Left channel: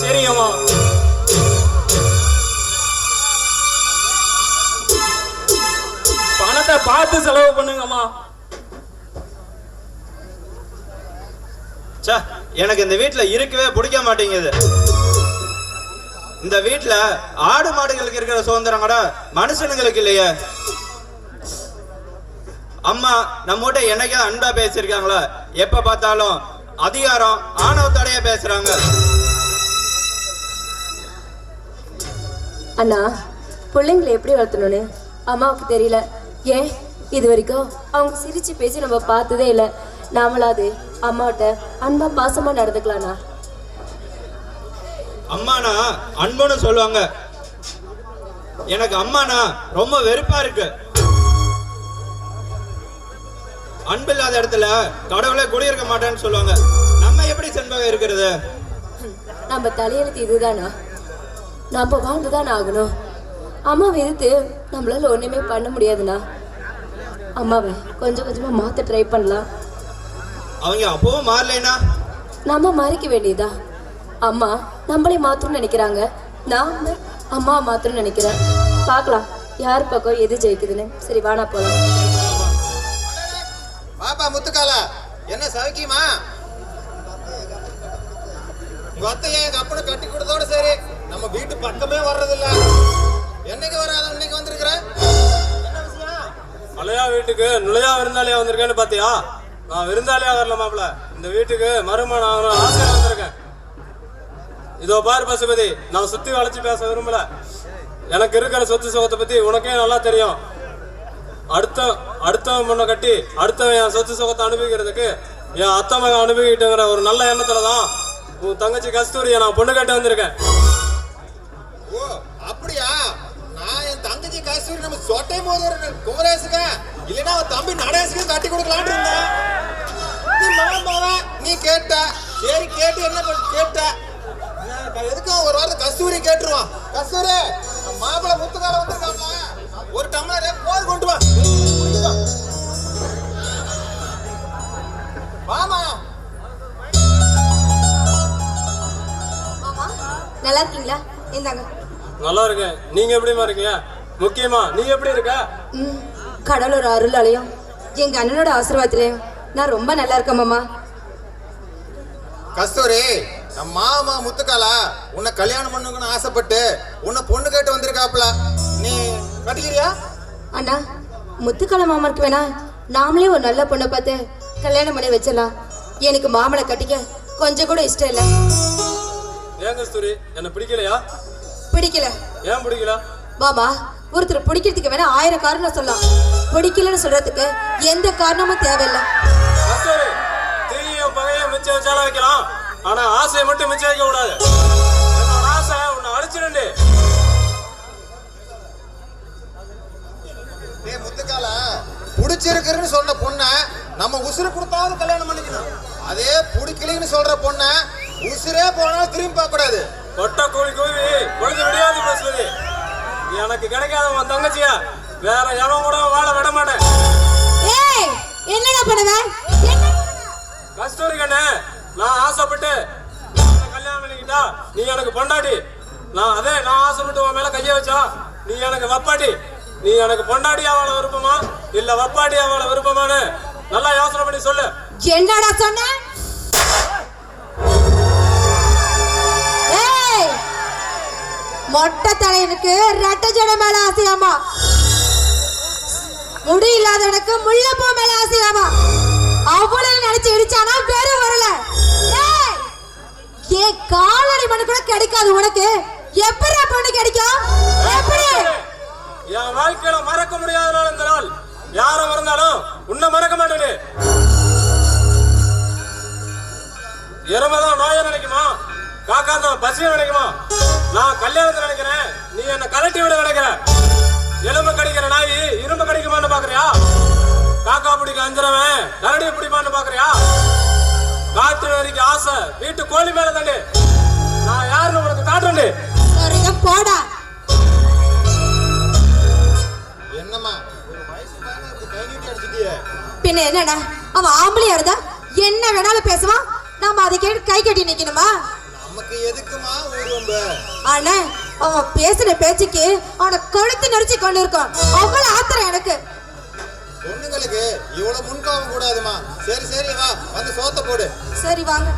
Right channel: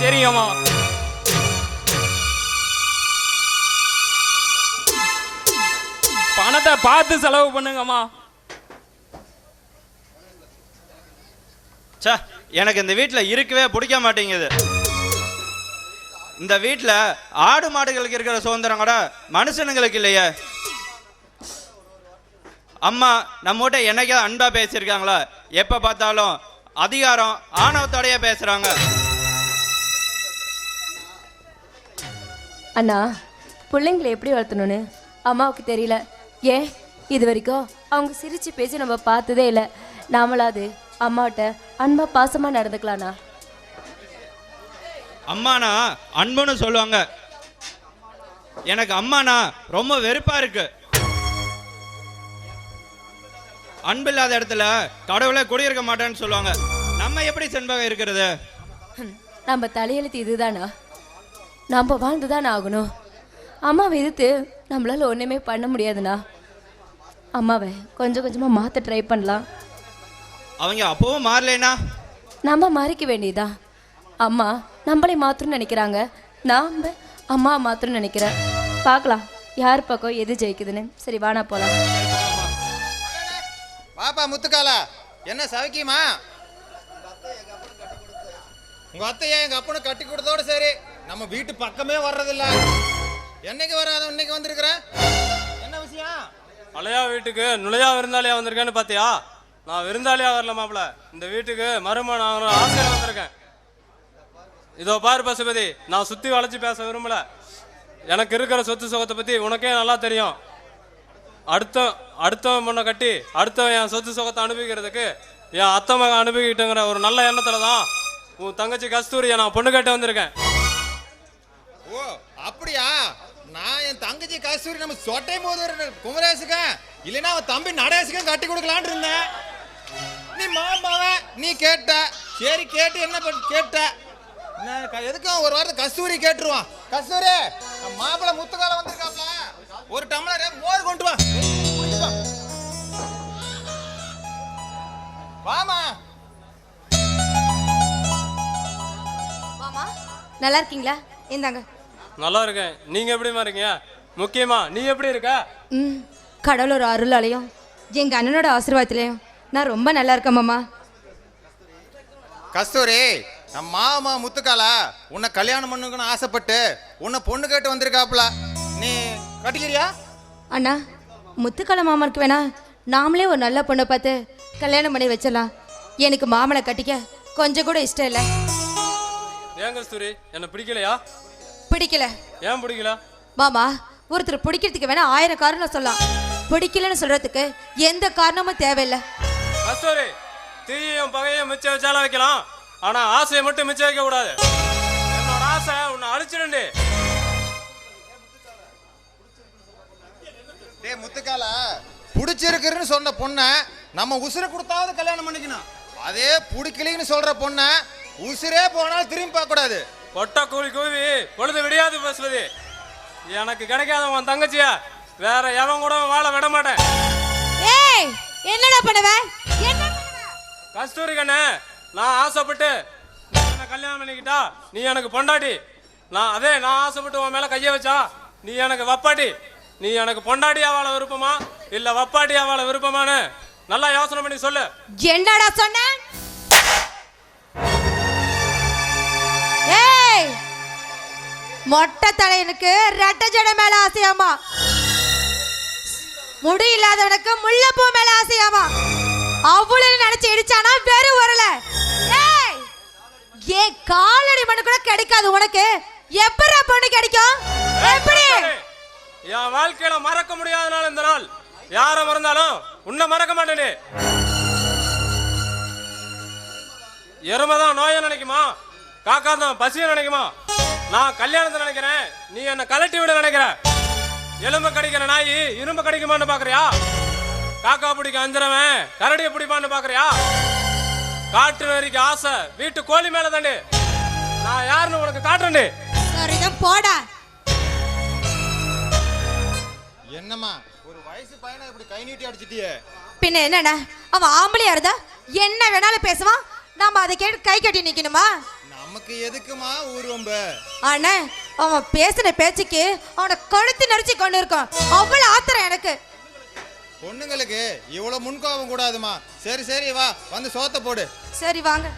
சரிங்கம்மா. பணத்தை பார்த்து செலவு பண்ணுங்கம்மா. எனக்கு இந்த வீட்டுல இருக்கவே பிடிக்க மாட்டேங்குது. இந்த வீட்டுல ஆடு மாடுகளுக்கு இருக்கிற சுதந்திரம் கூட மனுஷனுங்களுக்கு இல்லையே. அம்மா நம்மகிட்ட எனக்கே அன்பா பேசியிருக்காங்களா? எப்ப பார்த்தாலும் அதிகாரம் ஆணவத்தோடய பேசுறாங்க. அண்ணா, பிள்ளைங்களை எப்படி வளர்த்தணும்னு அம்மாவுக்கு தெரியல. ஏன் இது வரைக்கும் அவங்க சிரிச்சு பேசி நம்ம பார்த்ததே இல்லை. நாமளாது அம்மாட்ட அன்பா பாசமா நடந்துக்கலாம்ண்ணா. அம்மானா அன்புன்னு சொல்லுவாங்க. எனக்கு அம்மானா ரொம்ப வெறுப்பா இருக்கு. அன்பு இல்லாத இடத்துல கடவுளே குடியிருக்க மாட்டேன்னு சொல்லுவாங்க. நம்ம எப்படி செல்வாக இருக்கிறது? நம்ம தலையெழுத்து இதுதானா? நாம வாழ்ந்துதான் ஆகணும். அம்மாவை எதிர்த்து நம்மளால ஒண்ணுமே பண்ண முடியாதுண்ணா. அம்மாவை கொஞ்சம் கொஞ்சமா மாத்த ட்ரை பண்ணலாம். அவங்க அப்பவும் மாறலைனா நாம மாறிக்க வேண்டியதா? அம்மா நம்மளை மாத்தணும்னு நினைக்கிறாங்க, நாம அம்மா மாத்தணும்னு நினைக்கிறேன். பார்க்கலாம் யார் பக்கம் எது ஜெயிக்குதுன்னு. சரி வானா போலாம். பாப்பா முத்துக்காலா, என்ன சௌக்கியமா? எங்க அப்பனை கட்டி கொடுத்தோட சரி நம்ம வீட்டு பக்கமே வர்றதில்ல. என்னைக்கு வராது இன்னைக்கு வந்திருக்கிற? என்ன விஷயம்? மலையா வீட்டுக்கு நுழையா விருந்தாளியா வந்திருக்கேன்னு பாத்தியா? நான் விருந்தாளியா வரல மாப்பிள்ள, இந்த வீட்டுக்கு மருமகன் ஆசையா வந்திருக்கேன். இதோ பாரு பசுபதி, நான் சுத்தி வளைச்சு பேச விரும்பல. எனக்கு இருக்கிற சொத்து சுகத்தை பத்தி உனக்கே நல்லா தெரியும். அடுத்தவன் பொண்ணை கட்டி அடுத்தவன் என் சொத்து சுகத்தை அனுபவிக்கிறதுக்கு என் அத்தை மகன் அனுபவிக்கிட்டுங்கிற ஒரு நல்ல எண்ணத்துலதான் உன் தங்கச்சி கஸ்தூரியை நான் பொண்ணு கட்ட வந்திருக்கேன். ஓ அப்படியா? நான் என் தங்கச்சி கஸ்தூரி நம்ம சொட்டை போது குமரேசுங்க இல்லைன்னா அவன் தம்பி நடேசுக்கு கட்டி கொடுக்கலான்னு இருந்தேன். நீ நீ கேட்ட சரி, கேட்டு என்ன கேட்ட? எதுக்கு ஒரு வாரம் கஸ்தூரி கேட்டுருவான். கஸ்தூரி மாப்பிள்ள முத்துக்கார வந்திருக்காங்க, ஒரு டம்ளர் போது கொண்டு வா. வாமா. நல்லா இருக்கீங்களா? இந்தாங்க. நல்லா இருக்கேன். நீங்க எப்படிமா இருக்கீங்க? முக்கியமா நீ எப்படி இருக்க? கடவுளோட அருளாலையும் எங்க அண்ணனோட ஆசீர்வாதத்திலையும் நான் ரொம்ப நல்லா இருக்கேன் மாமா. கஸ்தூரி, நம்ம மாமா முத்துக்காலா உன்னை கல்யாணம் பண்ணுன்னு ஆசைப்பட்டு உன்னை பொண்ணு கேட்டு வந்திருக்காப்ல. நீ கட்டிக்கிறியா? அண்ணா, முத்துக்கால மாமாவுக்கு வேணா நாமளே ஒரு நல்ல பொண்ணை பார்த்து கல்யாணம் பண்ணி வச்சிடலாம். எனக்கு மாமனை கட்டிக்க கொஞ்சம் கூட இஷ்டம் இல்லை. ஏன் கஸ்தூரி, என்ன பிடிக்கலையா? பிடிக்கல. ஏன் பிடிக்கல? மாமா, ஒருத்தர் பிடிக்கிறதுக்கு வேணா 1000 காரணம் சொல்லலாம். பிடிக்கலன்னு சொல்றதுக்கு எந்த காரணமும் தேவையில்லை. கஸ்தூரி, தீய பகைய மிச்சம் வச்சாலும் வைக்கலாம், ஆனா ஆசையை மட்டும் மிச்சம் வைக்க கூடாது. ஆசை உன்னை அழிச்சிடு. முத்துக்காலா, பிடிச்சிருக்குன்னு சொன்ன பொண்ணை நம்ம உசுறு கொடுத்தாவது கல்யாணம் பண்ணிக்கணும். அதே பிடிக்கலன்னு சொல்ற பொண்ணை உசுரே போனாலும் திரும்பி பார்க்க கூடாது. ஒட்ட கூலி கூவி பொழுது விடியாது பேசுறது. எனக்கு கிடைக்காத உன் தங்கச்சிய வேற எவன் கூட வாழ விட மாட்டேன். என்னடா பண்ணுவ? கஸ்தூரி கண்ணே, நான் ஆசைப்பட்டு கல்யாணம் பண்ணிக்கிட்டா நீ எனக்கு பொண்டாடி. நான் ஆசைப்பட்டு உன் மேல கைய வச்சா நீ எனக்கு வப்பாடி. நீ எனக்கு பொண்டாடி அவளை விருப்பமா இல்ல வப்பாடி அவளை விருப்பமானு நல்லா யோசனை பண்ணி சொல்லு. என்னடா சொன்ன? மொட்டை தலைவனுக்கு ரெட்டை ஜடை மேல ஆசையாமா, முடி இல்லாதவனுக்கு முள்ளப்பூ மேல ஆசையாமா. அவ்வளவு நினைச்சு இடிச்சானா வெறும் வரல. ஏன் காலடி மணி கூட கிடைக்காது உனக்கு? எப்படி பொண்ணு கிடைக்கும்? எப்படி? என் வாழ்க்கையில மறக்க முடியாத நாள் இந்த நாள். யாரும் இருந்தாலும் உன்னை மறக்க மாட்டேன். எருமைதான் நோயை நினைக்குமா, காக்கா தான் பசியை நினைக்குமா? நான் கல்யாணத்தை நினைக்கிறேன், நீ என்ன கலட்டி விட நினைக்கிற. எலும்பு கடிக்கிற நாய் இரும்பு கடிக்குமான்னு பாக்குறியா? காக்கா பிடிக்க அஞ்சுறவன் கரடியை பிடிப்பான்னு பாக்குறியா? காட்டு வரைக்கு ஆசை வீட்டு கோழி மேல தானே. நான் யாருன்னு உனக்கு காட்டுண்டு. போடா. என்னம்மா ஒரு வயசு பையனை இப்படி தைரியத்தை அடிச்சிட்டியே? பின்ன என்னடா, அவன் ஆம்பளையா இருந்தா என்ன வேணாலும் பேசுவான். நாம அதை கேட்டு கை கட்டி நிக்கணுமா? நமக்கு எதுக்குமா ஊரும்ப? ஆனா அவன் பேசுற பேச்சுக்கு அவனை கழுத்து நெரிச்சு கொண்டு இருக்கான். அவ்வளவு ஆத்திரம் எனக்கு. பொண்ணுங்களுக்கு இவ்வளவு முன்காம கூடாதுமா. சரி சரி வா வந்து சோத்த போடு. சரி வாங்க.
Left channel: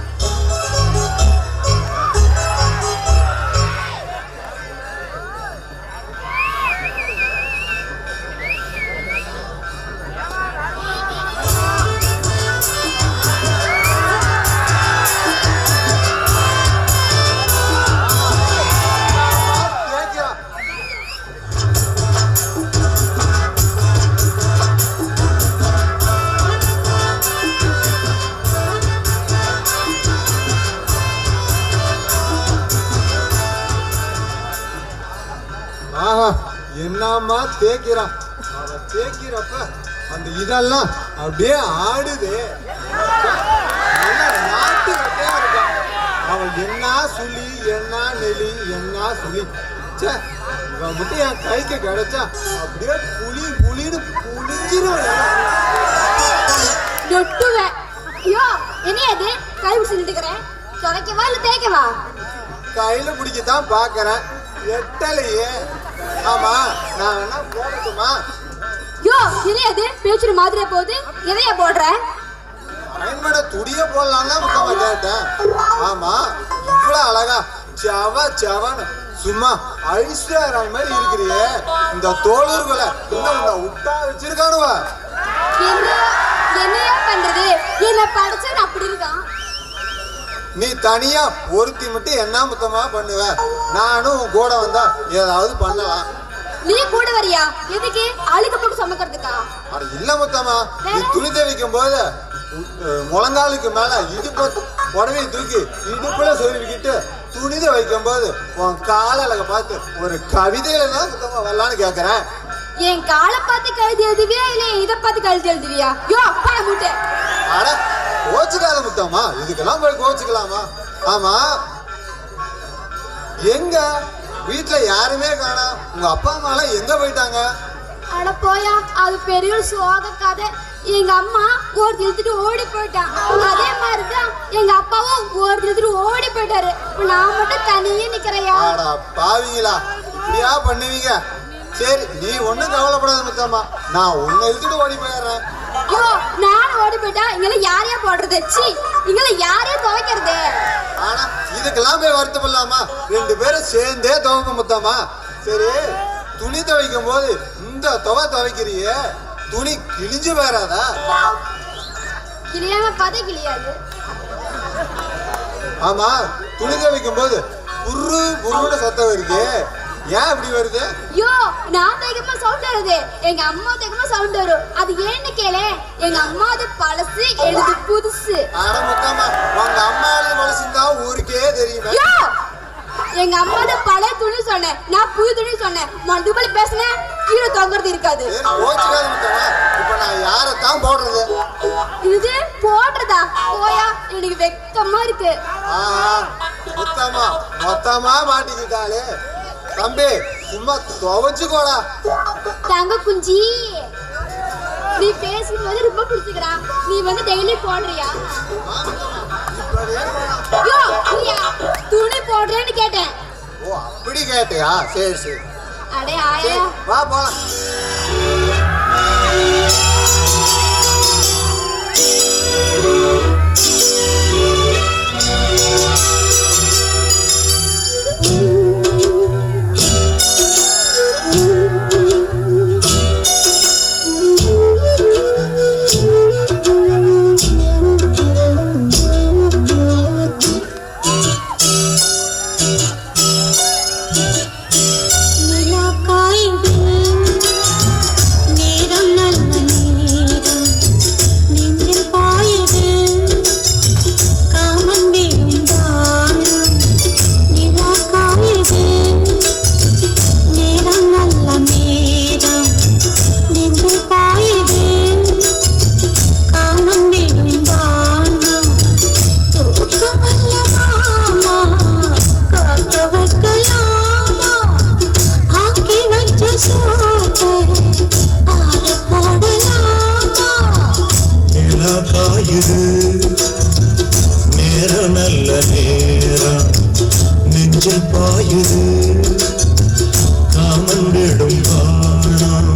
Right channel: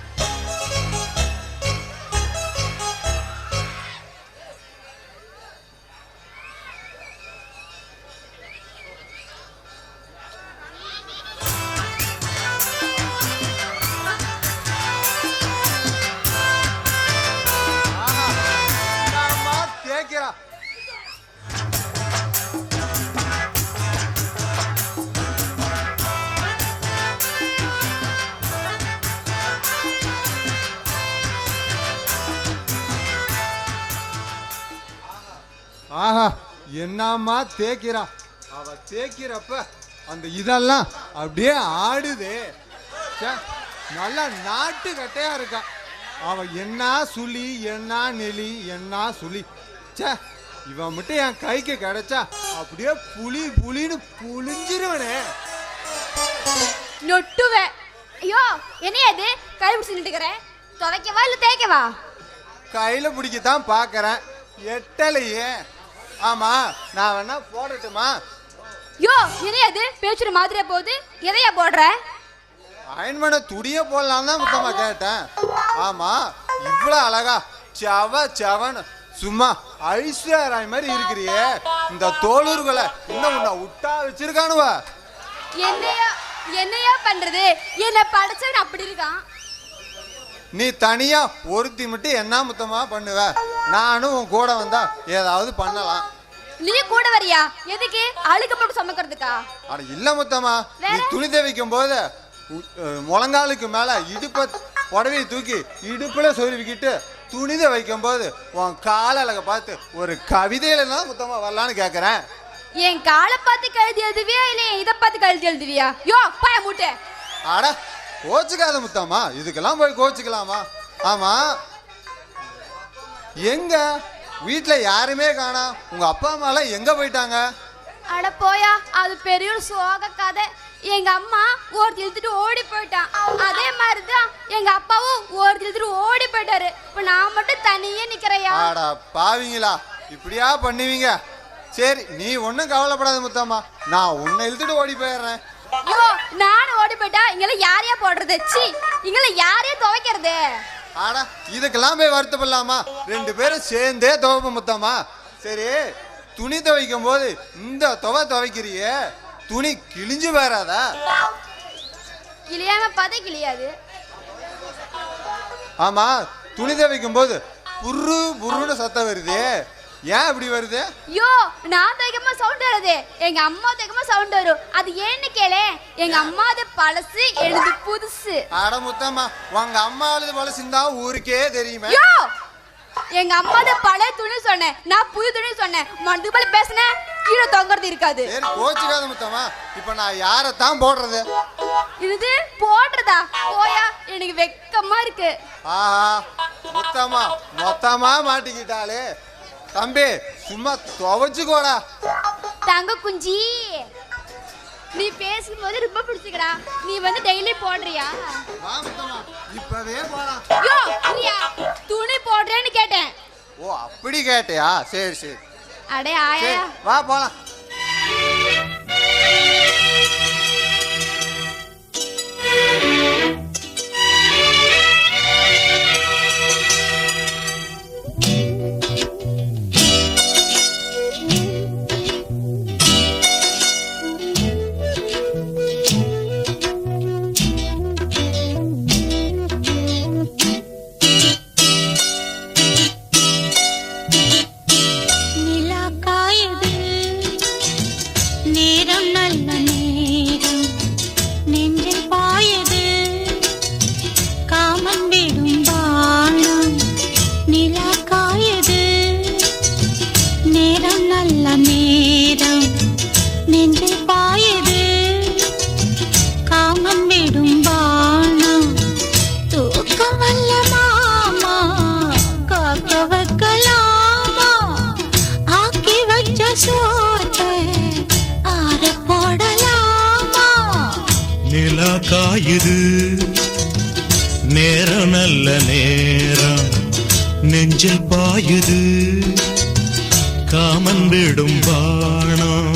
ஆஹா என்னம்மா தேய்க்கிறான். அவன் தேய்க்கிறப்ப அந்த இதெல்லாம் அப்படியே ஆடுது. நல்லா நாட்டு கட்டையா இருக்கான். அவன் என்ன சுழி என்ன நெலி என்ன சுழி. ச்சே, இவன் மட்டும் என் கைக்கு கிடைச்சா அப்படியே புளி புளின்னு புளிஞ்சிடும். நொட்டுவேன். ஐயோ என்ன இது கை சொல்லிட்டுக்கிறேன். துவைக்கவா இல்ல தேய்க்கவா? கையில பிடிக்கத்தான் பாக்குறேன், எட்டலையே. ஆமா நான் வேணா போகட்டுமா? ஐயோ என்ன இது பேச்சுற மாதிரியா போகுது. எதையா போடுற? பயன்பட துடிய போடலாம் தான் முத்தமா கேட்டேன். ஆமா இவ்வளவு அழகா செவ செவன் சும்மா ஐஸ்வர்யா மாதிரி இருக்கிறியே. இந்த தோளூர்களை இன்னும் விட்டா வச்சிருக்கானுவ. என்னையா பண்ணது? என்ன படிச்சது அப்படி இருக்கான். நீ தனியா ஒருத்தி மட்டும் என்ன முத்தமா பண்ணுவ? நானும் உன் கூட வந்தா ஏதாவது பண்ணலாம். நீ கூட வரியா? எதுக்கு? அழுக போட்டு சமைக்கிறதுக்கா? இல்ல முத்தமா, நீ துணி தேவைக்கும் போது முழங்காலுக்கு மேல இடுப்ப உடவை தூக்கி இடுப்புல சொருவிக்கிட்டு துணித வைக்கும் போது உன் கால பார்த்து ஒரு கவிதையில தான் முத்தமா வரலான்னு கேக்குறேன். என் காலை பார்த்து கழுதி எழுதுவியா இல்ல இதை பார்த்து கழுதி எழுதுவியா? யோ அப்பா கூட்ட. அட கோச்சுக்காத முத்தம்மா, இதுக்கெல்லாம் போய் கோச்சுக்கலாமா? ஆமா எங்க வீட்டுல யாருமே காணோம். உங்க அப்பா அம்மா எல்லாம் எங்க போயிட்டாங்க? அட போயா, அது பெரிய சோக கதை. எங்க அம்மா ஒரு இழுத்துட்டு ஓடி போயிட்டான். அதே மாதிரி தான் எங்க அப்பாவும் ஒரு இழுத்துட்டு ஓடி போயிட்டாரு. இப்ப நான் மட்டும் தனியே நிக்கிறையா? பாவீங்களா, இப்படியா பண்ணுவீங்க? சரி நீ ஒண்ணும் கவலைப்படாத முத்தம்மா, நான் உன்னை இழுத்துட்டு ஓடி போயிடுறேன். ஐயோ நானும் ஓடி போயிட்டா இங்க யார் யார் போடுறது? சி இங்க யார் யார் துவைக்கிறது? ஆனா இதுக்கெல்லாம் போய் வருத்தப்படலாமா? ரெண்டு பேரும் சேர்ந்தே துவைப்போம் முத்தம்மா. சரி துணி துவைக்கும் போது இந்த துவைக்கிறிய துணி கிழிஞ்சு வராதா? கிளியாம பாதை கிளியாது. ஆமா துணி துவைக்கும் போது புரு புருன்னு சத்தம் வருது, ஏன் இப்படி வருது? ஐயோ நான் தைக்கமா சவுண்ட் வருது, எங்க அம்மா தைக்கமா சவுண்ட் வரும். அது ஏன்னு கேளு, எங்க அம்மா அது பழசு எழுது புதுசு. ஆனா முத்தம்மா உங்க அம்மா மனசுந்தா ஊருக்கே தெரியுமே. ஐயோ எங்க அம்மா பழைய துணி சொன்னேன், நான் புது துணி சொன்னேன். மனதுக்கு போய் பேசுனேன், கீழே தொங்குறது இருக்காது. கோச்சுக்காத முத்தம்மா, இப்ப நான் யாரைத்தான் போடுறது? இது போடுறதா? போயா, எனக்கு வெக்கமா இருக்கு. முத்தம்மா மொத்தமா மாட்டிக்கிட்டாலே. தம்பி சும்மா துவைச்சுக்கோடா. தங்க குஞ்சி நீ பேசும்போது ரொம்ப பிடிச்சிக்கிறா. நீ வந்து டெய்லி போடுறியா? நீயா துணி போடுறியான்னு கேட்டேன். ஓ அப்படி கேட்டியா? சரி சரி அடே ஆயா வா போலாம். நிலா காயுது நெஞ்சில் பாயுது காமன் விடும் வானம்.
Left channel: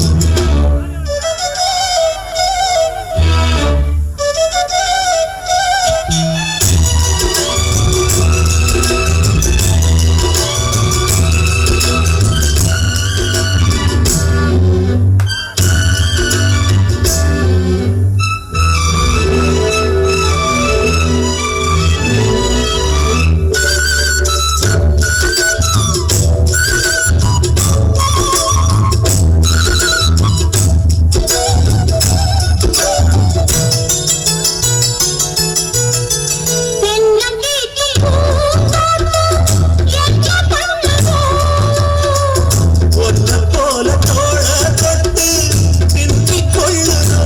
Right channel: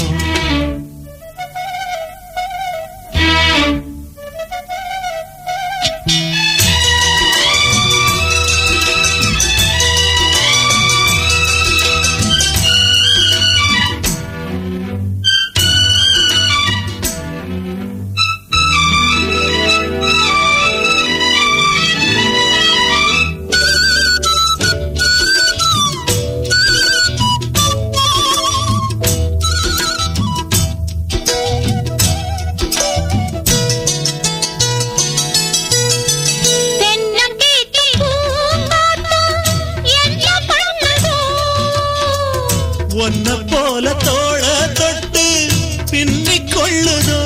ஒன்ன போல தோள தொட்டு பின்னிக் கொள்ளுதோ.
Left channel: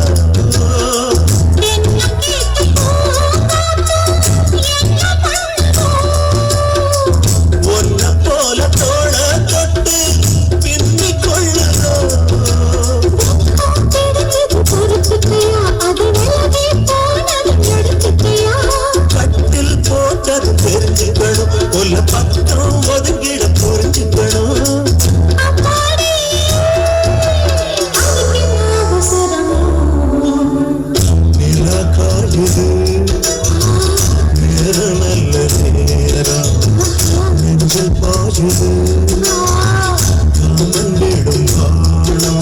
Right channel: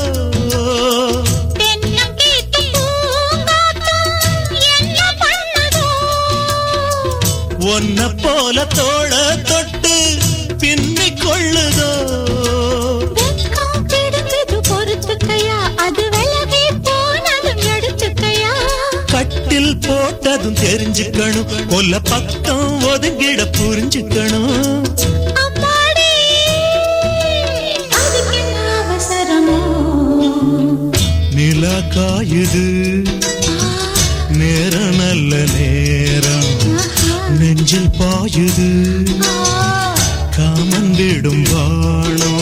ஒன்ன போல தோள தொட்டு பின்னிக் கொள்ளுதோ. கட்டில் போட்டதும் தெரிஞ்சுக்கணும், உல பக்கம் ஒதுங்கிட புரிஞ்சுக்கணும். நிலா காயுது நேரம் நல்ல நேரம், நெஞ்சில் பாயுது காமன் விடும் வானம்.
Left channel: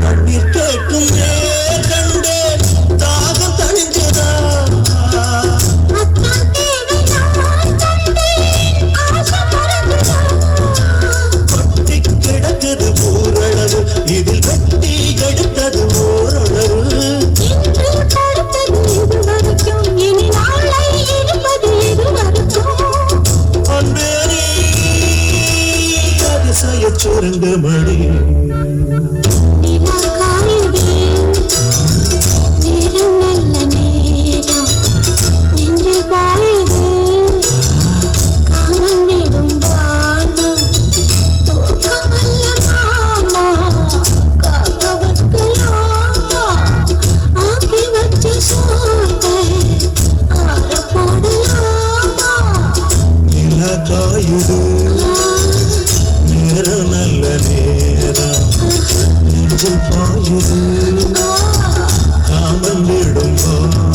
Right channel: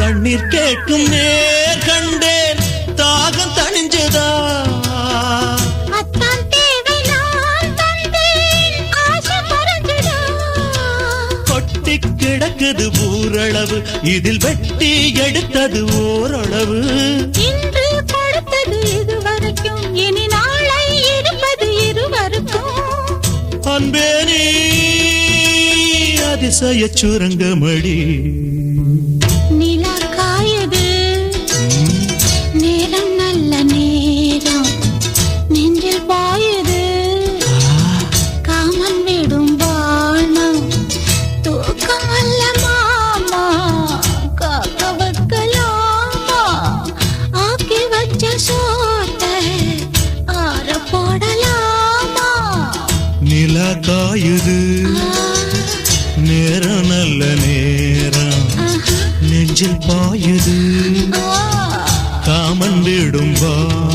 தண்ணீர் கேட்கும் கண்டே தாகம் தணிஞ்சதா. கொட்டி கிடக்குது ஊரளவு, இதில் வெட்டி எடுத்தது ஓரளவு. அன்பே நீ அதிசய சுருங்கமணி. நிலா காயுது நேரம் நல்ல நேரம், நெஞ்சில் பாயுது காமன் விடும் வானம்.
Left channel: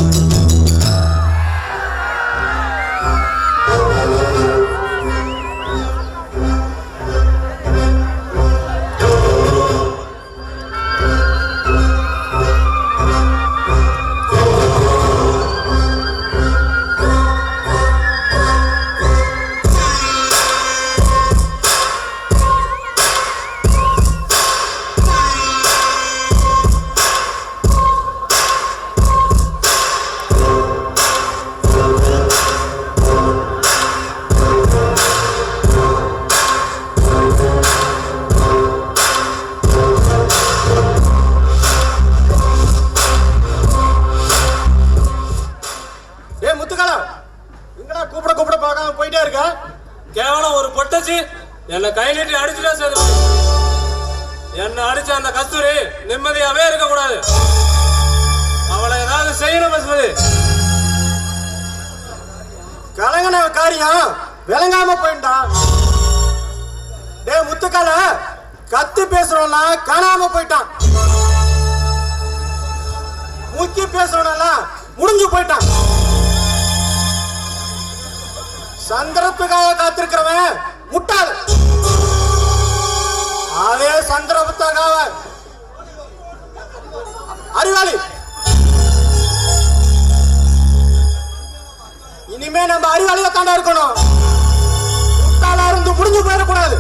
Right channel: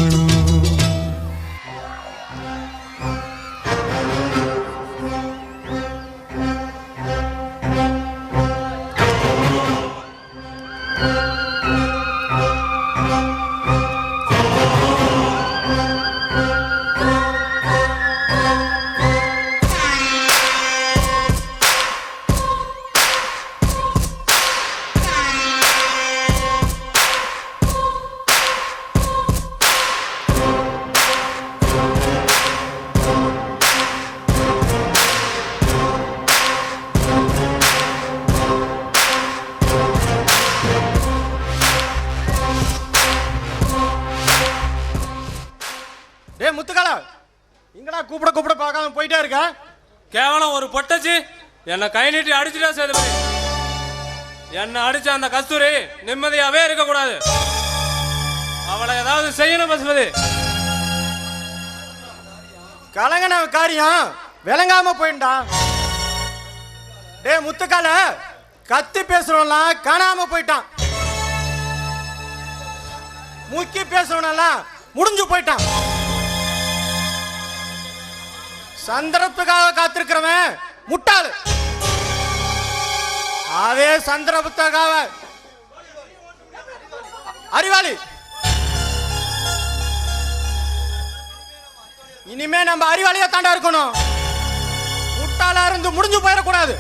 கேவலம் ஒரு பொட்டச்சி என்ன கை நீட்டி அடிச்சுட்டா சரி. என்ன அடிச்ச அந்த கஸ்தூரி நிம்மதியாவே இருக்க கூடாது. அவளை ஏதாவது செய்யணும் பசுமதி. கலங்கன காரியம் விளங்காம போயிட்டா. டே முத்துக்கார, கத்தி பேசுறவனா காணாம போயிட்டான், முக்கி பேசுறவனா முடிஞ்சு போயிட்டான். சந்தர்ப்பத்துக்காக காத்திருக்கிறவன் முட்டாள். அதே சந்திரகுப்தகாவ அறிவாளி. இனிமே நம்ம அறிவாளியா தானே இருக்கணும். முட்டாளா இருந்து முடிஞ்சு போயிடக்கூடாது.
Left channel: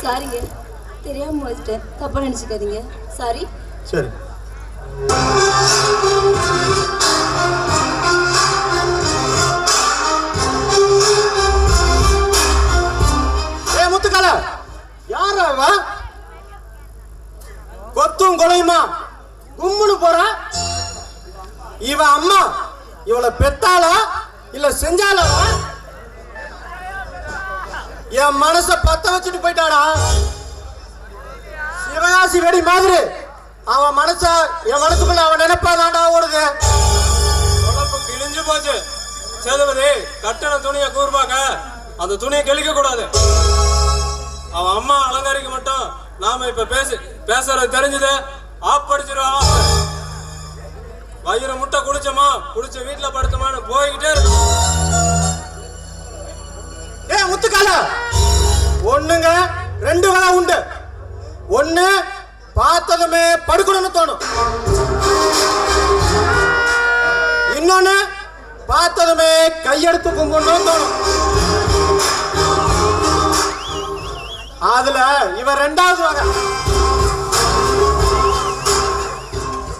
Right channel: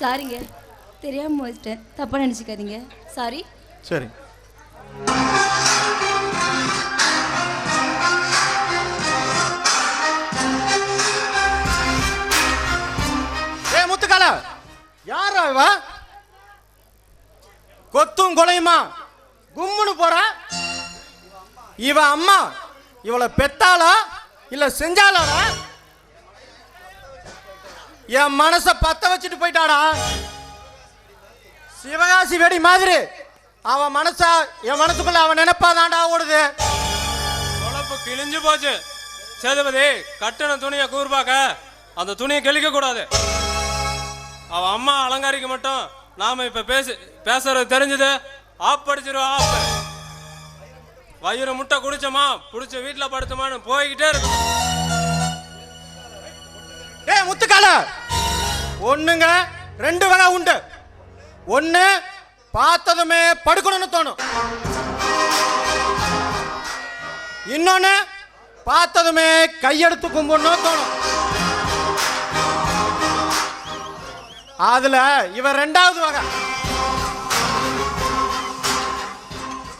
சாரிங்க, தெரியாம வச்சுட்டேன், தப்பா நினைச்சுக்காதீங்க. சாரி. சரி. முத்துக்கால யார கொத்தும் கொலையுமா கும்முடு போற? இவ அம்மா இவளை பெத்தாளா இல்ல செஞ்சாளா? என் மனச பத்த வச்சுட்டு போயிட்டாடா. சிவகாசி வெடி மாதிரி அவன் மனச என் மனசுக்குள்ள அவன் நினைப்பாதாண்டா ஓடுது. உடம்பு கிழிஞ்சு போச்சு. சேதுபதி, கட்டண துணியை கூர்பாக்க அந்த துணியை கிழிக்க கூடாது. அவன் அம்மா அலங்காரிக்க மட்டும் நாம இப்ப பேசுறது தெரிஞ்சது. ஆப் படிச்சிருவா. வயிறு முட்டை குடிச்சோமா குடிச்ச வீட்டுல படுத்தோமான்னு போய்கிட்டே இருக்கு. ஏய் முத்துக்கால, ஒண்ணுங்க ரெண்டு வேலை உண்டு. ஒண்ணு பார்த்ததுமே படுக்கணும்னு தோணும். இன்னொன்னு பார்த்ததுமே கையெடுத்து கும்பிடணும்னு தோணும். அதுல இவ ரெண்டாவது வகை.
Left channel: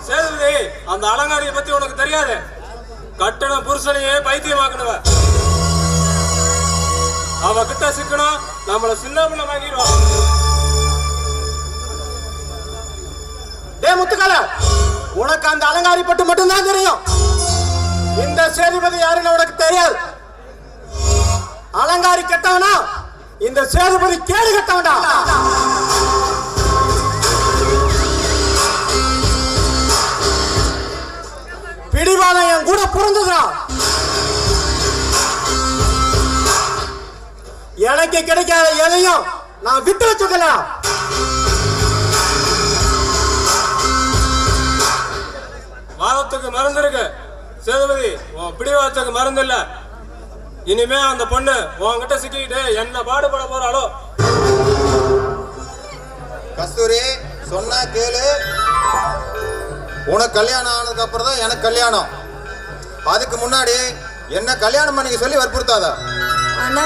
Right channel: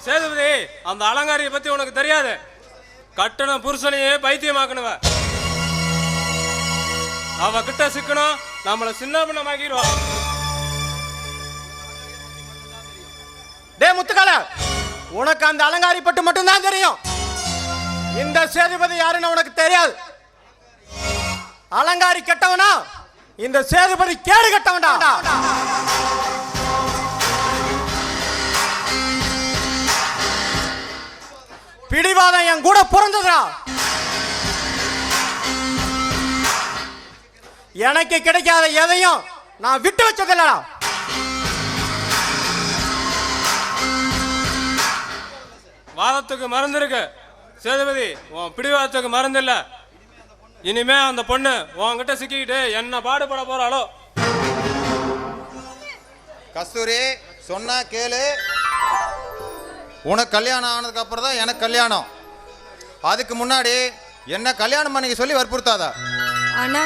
சேதுபதி, அந்த அலங்காரியை பத்தி உனக்கு தெரியாது. கட்டண புருஷனையே பைத்தியமாக்கணுவ. அவ கிட்ட சிக்கணும், நம்மள சின்ன பிள்ளை மாக்கிடுவான். டே முத்துக்கால, உனக்கு அந்த அலங்காரி பட்டு மட்டும்தான் தெரியும். இந்த சேதுபதி யாருன்னு உனக்கு தெரியாது. அலங்காரி கெட்டவனா, இந்த சேதுபதி கேடு கெட்டவனா. பிடிவாளம் என் கூட பிறந்ததுடா. எனக்கு கிடைக்காத எதையும் நான் விட்டு வச்சுடா. வாதத்துக்கு மருந்து இருக்கு. சேதுபதி, உன் பிடிவாதத்துக்கு மருந்து இல்ல. இனிமே அந்த பொண்ணு உன்கிட்ட சிக்கிக்கிட்டு என்ன பாடுபட போறாளோ. கஸ்தூரி சொன்னா கேளு. உனக்கு கல்யாணம் ஆனதுக்கு அப்புறம் தான் எனக்கு கல்யாணம். அதுக்கு முன்னாடி என்ன கல்யாணம் பண்ணிக்க சொல்லி வற்புறுத்தாத. அண்ணா,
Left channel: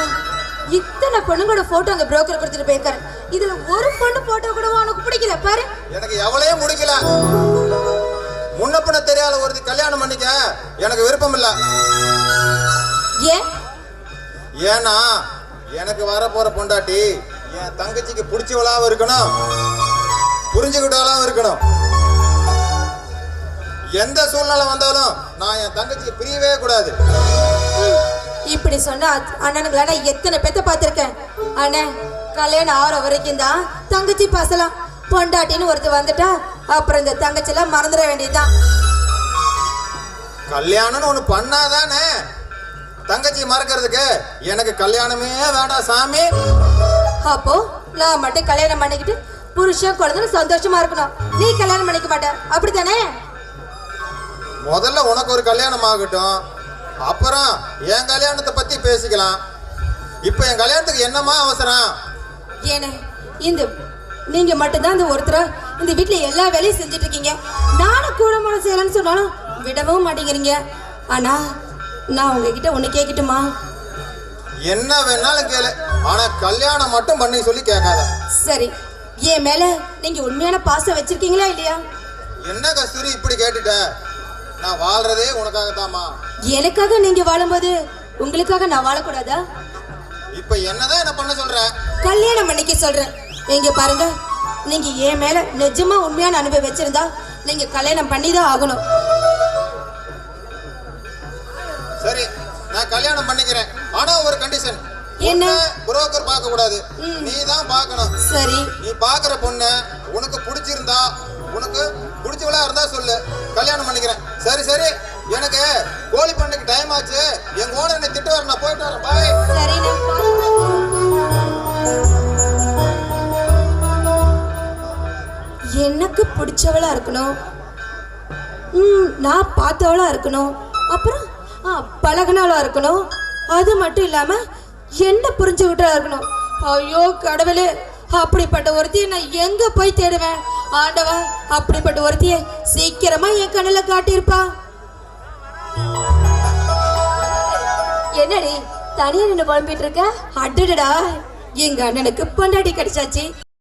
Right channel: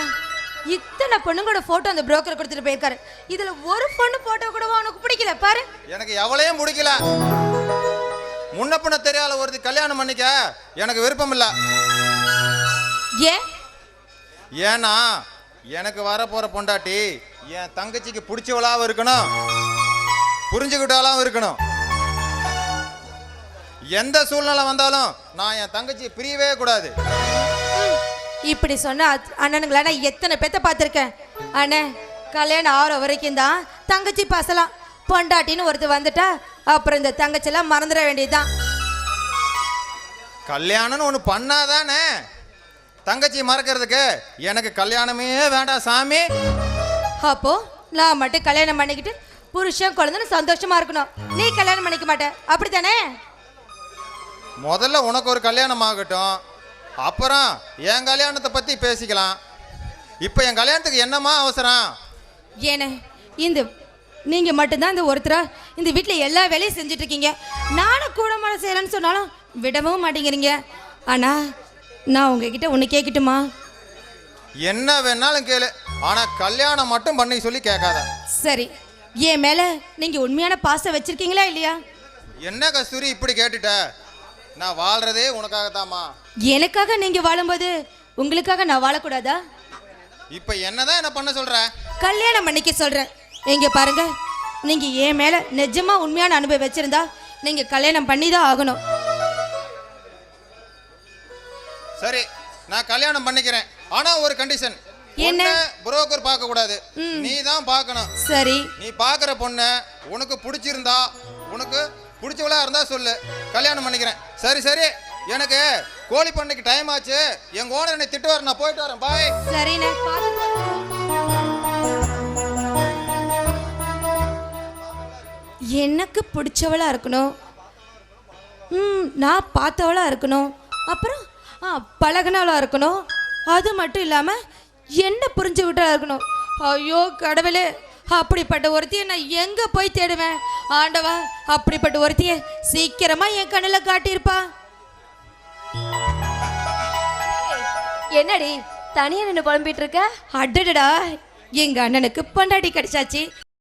இத்தனை பொண்ணுங்களோட போட்டோ அந்த புரோக்கர் கொடுத்துட்டு போயிருக்காரு. இதுல ஒரு பொண்ணு போட்டோ கூட உனக்கு பிடிக்கல பாரு. எனக்கு எவ்வளையும் முடிக்கல. முன்ன பின்ன தெரியாத ஒரு கல்யாணம் பண்ணிக்க எனக்கு விருப்பம் இல்ல. ஏன்? ஏன்னா எனக்கு வர போற பொண்டாட்டி என் தங்கச்சிக்கு பிடிச்சவளாவும் இருக்கணும், புரிஞ்சுக்கிட்டாலும் இருக்கணும். எந்த சூழ்நிலை வந்தாலும் நான் என் தங்கச்சி பிரியவே கூடாது. இப்படி சொன்னா அண்ணனுங்களா நான் எத்தனை பேத்த பார்த்திருக்கேன். அண்ணன் கல்யாணம் ஆகிற வரைக்கும் தான் தங்கச்சி பாசலாம். பொண்டாட்டின்னு ஒருத்தர் வந்துட்டா அப்புறம் இந்த தங்கச்சி எல்லாம் மறந்துட வேண்டியதுதான். கல்யாணம்னு ஒண்ணு பண்ணாதானே தங்கச்சி மறக்கிறதுக்கு. எனக்கு கல்யாணமே வேண்டாம் சாமி. அப்போ நான் மட்டும் கல்யாணம் பண்ணிக்கிட்டு புருஷன் குழந்தை சந்தோஷமா இருக்கணும். நீ கல்யாணம் பண்ணிக்க மாட்ட, அப்படித்தானே? முதல்ல உனக்கு ஒரு கல்யாணம் ஆகட்டும், அப்புறம் என் கல்யாணத்தை பத்தி பேசிக்கலாம். இப்ப என் கல்யாணத்துக்கு என்னமா அவசரம்? ஏனே, இந்த நீங்க மட்டும்தான் இந்த ஒருத்தரா இந்த வீட்டுல எல்லா வேலையும் செஞ்சுட்டு இருக்கீங்க. நானும் கூடமான செய்யலாம்னு சொன்னாலும் விடவும் மாட்டேங்கிறீங்க. ஆனா நான் உங்ககிட்ட ஒண்ணு கேட்கட்டுமா? என்ன வேணாலும் கேளு, ஆனா கல்யாணம் மட்டும் பண்ணி சொல்லி கேட்காத. சரி, என் மேல நீங்க உண்மையான பாசம் வச்சிருக்கீங்களா இல்லையா? என்ன கஸ்தூரி இப்படி கேட்டுட்ட? நான் வாழ்றதே உனக்காக தாமா. எனக்காக நீங்க வாழும்போது உங்களுக்காக நான் வாழக்கூடாதா? இப்ப என்னதான் என்ன பண்ண சொல்ற? கல்யாணம் பண்ணிக்க சொல்றேன். இங்க பாருங்க, நீங்க என் மேல நிஜமா உண்மையான அனுபவம் வச்சிருந்தா நீங்க கல்யாணம் பண்ணிதான் ஆகணும். சரி, நான் கல்யாணம் பண்ணிக்கிறேன். ஆனா ஒரு கண்டிஷன். என்ன? புரோக்கர் பார்க்க கூடாது, நீ தான் பார்க்கணும். சரி, நீ பாக்குற பொண்ணு உனக்கு பிடிச்சிருந்தா, உனக்கு பிடிச்சவளா இருந்தா சொல்லு, கல்யாணம் பண்ணிக்கிறேன். சரி சரி, எனக்கு கோழி பண்ணைக்கு டைம் ஆச்சு. என் ஓனர் என்னை திட்டுவார், நான் போயிட்டு வரேன். பாய். சரி. இருக்கணும். நான் பார்த்தவளா இருக்கணும். அப்புறம் பழகினாலா இருக்கணும். அது மட்டும் இல்லாம என்ன புரிஞ்சுக்கிட்டா இருக்கணும். ஐயோ கடவுளே, அப்படிப்பட்ட ஒருத்தியை நான் எங்க போய் தேடுவேன்? ஆண்டவா, அப்படிப்பட்ட ஒருத்தியை சீக்கிரமா என் கண்ணுல காட்டியிருப்பா. என்னடி தனியா நின்று குழம்பிட்டு இருக்க? அடடா, எங்க அண்ணனுக்கு பொண்டாட்டி கிடைச்சாச்சு.